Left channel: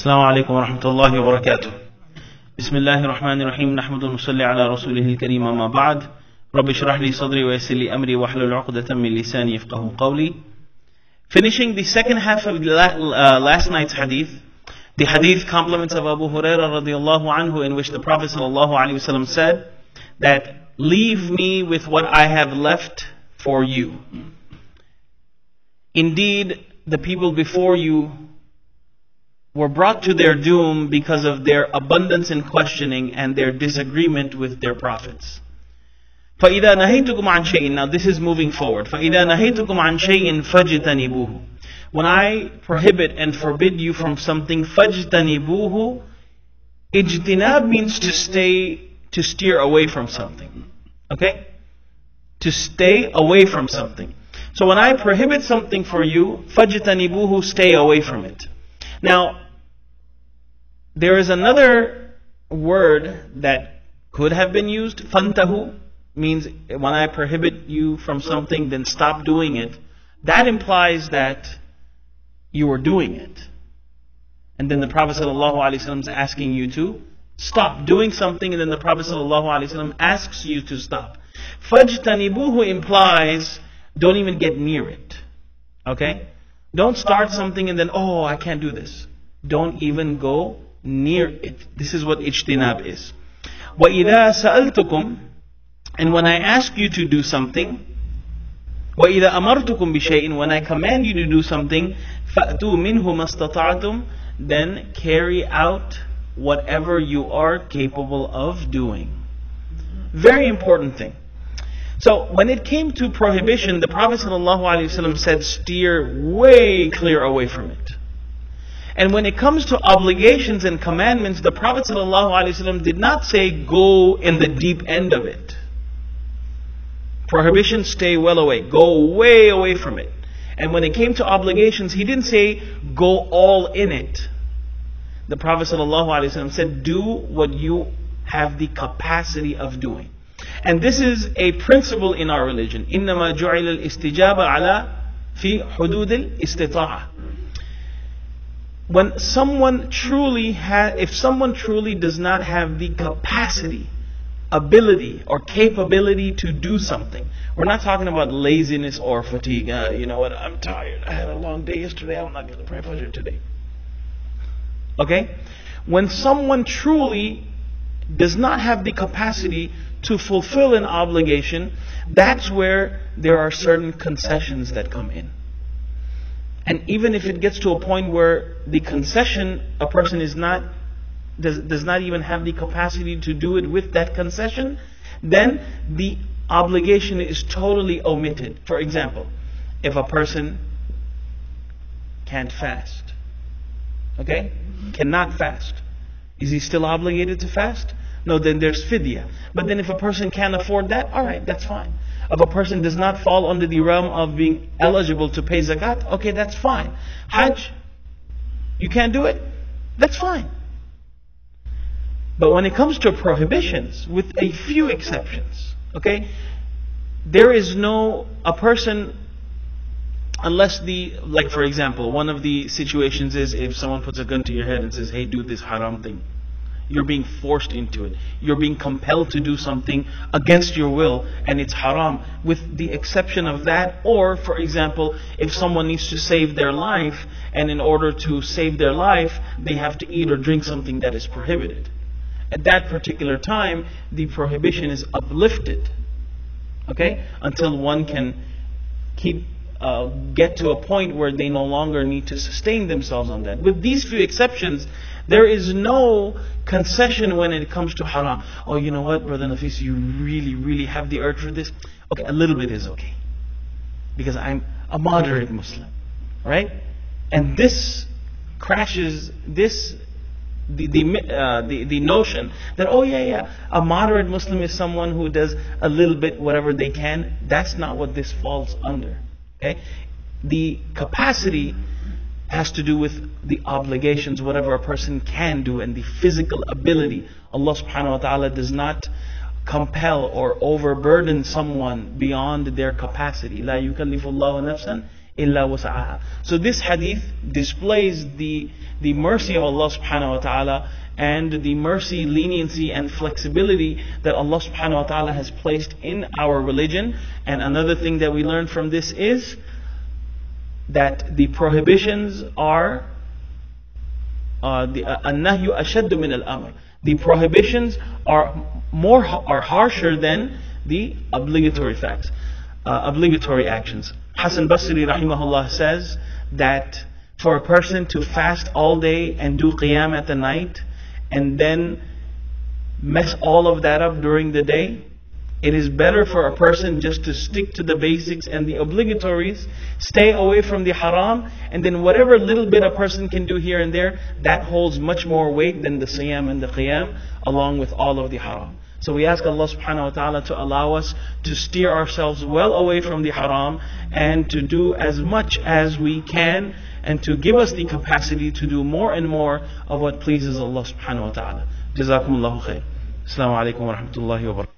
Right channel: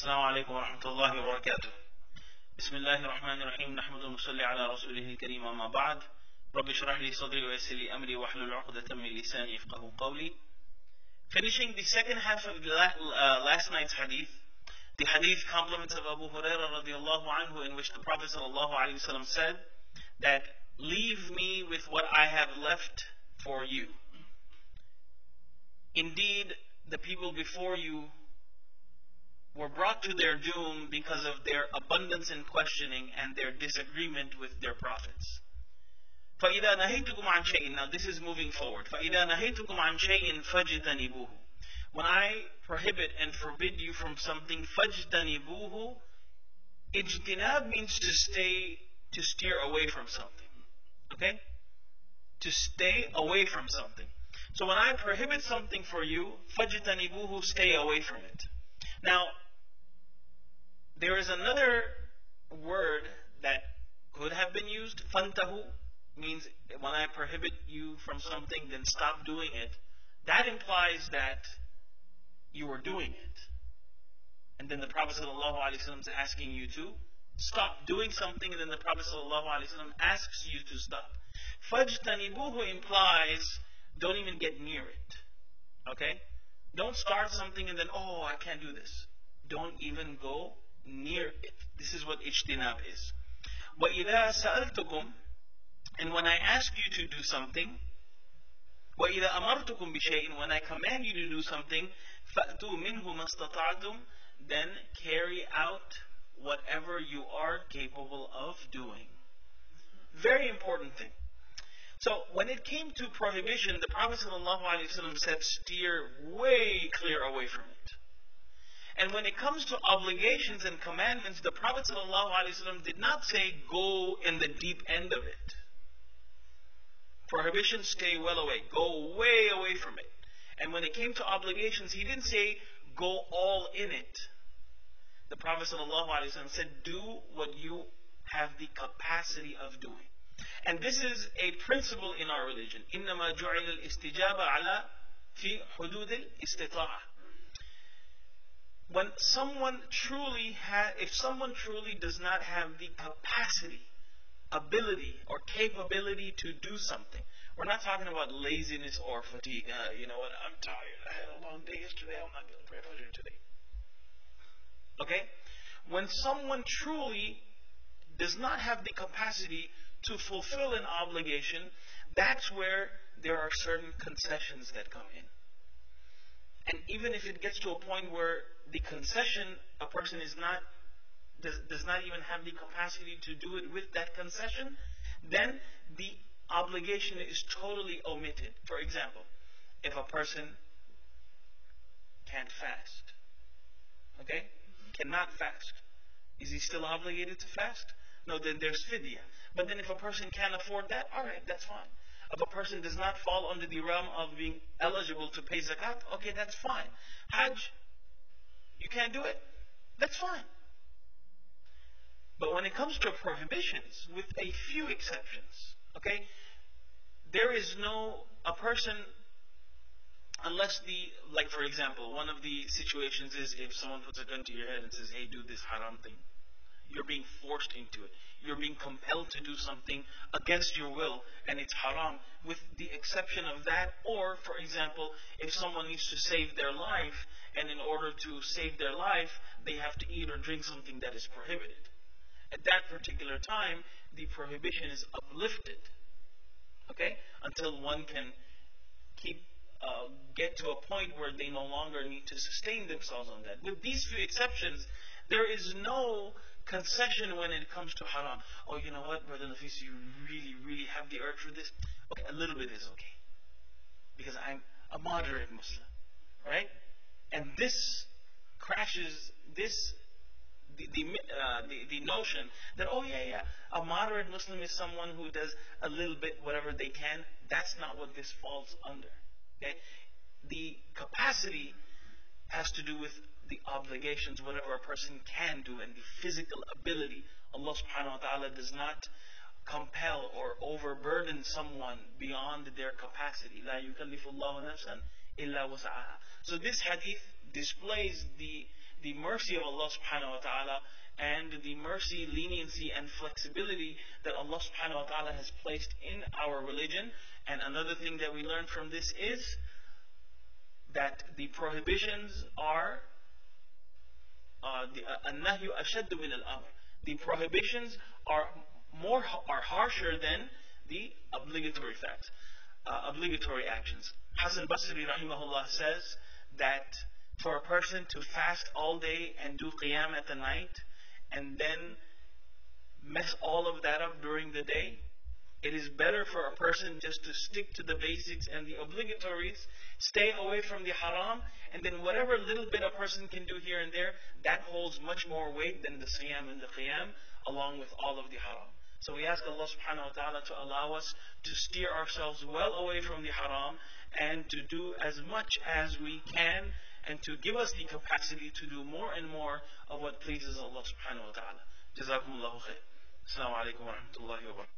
السلام عليكم ورحمة الله وبركاته. بسم الله الرحمن الرحيم. نحمد ونصلي على رسوله الكريم. أما بعد. رب اشرح لي صدري ويسر لي أمري واحلل عقدة من لساني يفقهوا قولي. Finishing the second half of last night's hadith, the hadith compliments of Abu Hurairah radiallahu anhu, in which the Prophet sallallahu alaihi wasallam said that, "Leave me with what I have left for you. Indeed, the people before you were brought to their doom because of their abundance in questioning and their disagreement with their prophets. فَإِذَا نَهَيْتُكُمْ عَنْ شَيْءٍ." Now this is moving forward. فَإِذَا نَهَيْتُكُمْ عَنْ شَيْءٍ فَاجْتَنِبُوهُ. When I prohibit and forbid you from something, فَاجْتَنِبُوهُ. Ijtinab means to steer away from something. Okay? To stay away from something. So when I prohibit something for you, فَاجْتَنِبُوهُ, stay away from it. Now, there is another word that could have been used. Fantahu means when I prohibit you from something, then stop doing it. That implies that you are doing it. And then the Prophet ﷺ is asking you to stop doing something, and then the Prophet ﷺ asks you to stop. Fajtanibuhu implies don't even get near it. Okay? Don't start something and then, oh, I can't do this. Don't even go near it. This is what ijtinab is. وَإِذَا سَأَلْتُكُمْ. And when I ask you to do something, وَإِذَا أَمَرْتُكُمْ بِشَيْءٍ. When I command you to do something, فَأْتُوا مِنْهُ مَسْتَطَعْتُمْ. Then carry out whatever you are capable of doing. Very important thing. So when it came to prohibition, the Prophet ﷺ said steer way clear away from it. And when it comes to obligations and commandments, the Prophet ﷺ did not say go in the deep end of it. Prohibition, stay well away. Go way away from it. And when it came to obligations, he didn't say go all in it. The Prophet ﷺ said do what you have the capacity of doing. And this is a principle in our religion. إِنَّمَا جُعِلَ الْإِسْتِجَابَ عَلَى فِي حُدُودِ الْإِسْتِطَاعَةِ. When if someone truly does not have the capacity, ability, or capability to do something, we're not talking about laziness or fatigue. You know what? I'm tired. I had a long day yesterday. I'm not going to pray Fajr today. Okay? When someone truly does not have the capacity to fulfill an obligation, that's where there are certain concessions that come in. And even if it gets to a point where the concession, a person does not even have the capacity to do it with that concession, then the obligation is totally omitted. For example, if a person can't fast, okay, cannot fast, is he still obligated to fast? No, then there's fidya. But then if a person can't afford that, alright, that's fine. If a person does not fall under the realm of being eligible to pay zakat, okay, that's fine. Hajj, you can't do it, that's fine. But when it comes to prohibitions, with a few exceptions, okay, there is a person, unless like for example, one of the situations is if someone puts a gun to your head and says, hey, do this haram thing. You're being forced into it. You're being compelled to do something against your will, and it's haram, with the exception of that. Or, for example, if someone needs to save their life, and in order to save their life, they have to eat or drink something that is prohibited. At that particular time, the prohibition is uplifted, okay, until one can get to a point where they no longer need to sustain themselves on that. With these few exceptions, there is no concession when it comes to haram. Oh, you know what, Brother Nafis, you really, really have the urge for this? Okay, a little bit is okay. Because I'm a moderate Muslim. Right? And this crashes the notion that, oh yeah, a moderate Muslim is someone who does a little bit whatever they can. That's not what this falls under. Okay? The capacity has to do with the obligations, whatever a person can do, and the physical ability. Allah subhanahu wa ta'ala does not compel or overburden someone beyond their capacity. لا يكلف الله نفسا إِلَّا وُسْعَهَا. So this hadith displays the mercy of Allah subhanahu wa ta'ala, and the mercy, leniency and flexibility that Allah subhanahu wa ta'ala has placed in our religion. And another thing that we learn from this is that the prohibitions are النهي أشد من الأمر. The prohibitions are harsher than the obligatory facts, obligatory actions. Hasan Basri rahimahullah says that for a person to fast all day and do qiyam at the night and then mess all of that up during the day, it is better for a person just to stick to the basics and the obligatories, stay away from the haram, and then whatever little bit a person can do here and there, that holds much more weight than the siyam and the qiyam, along with all of the haram. So we ask Allah subhanahu wa ta'ala to allow us to steer ourselves well away from the haram and to do as much as we can, and to give us the capacity to do more and more of what pleases Allah subhanahu wa ta'ala. Jazakumullahu khair. Assalamu alaikum wa rahmatullahi wa barakatuh.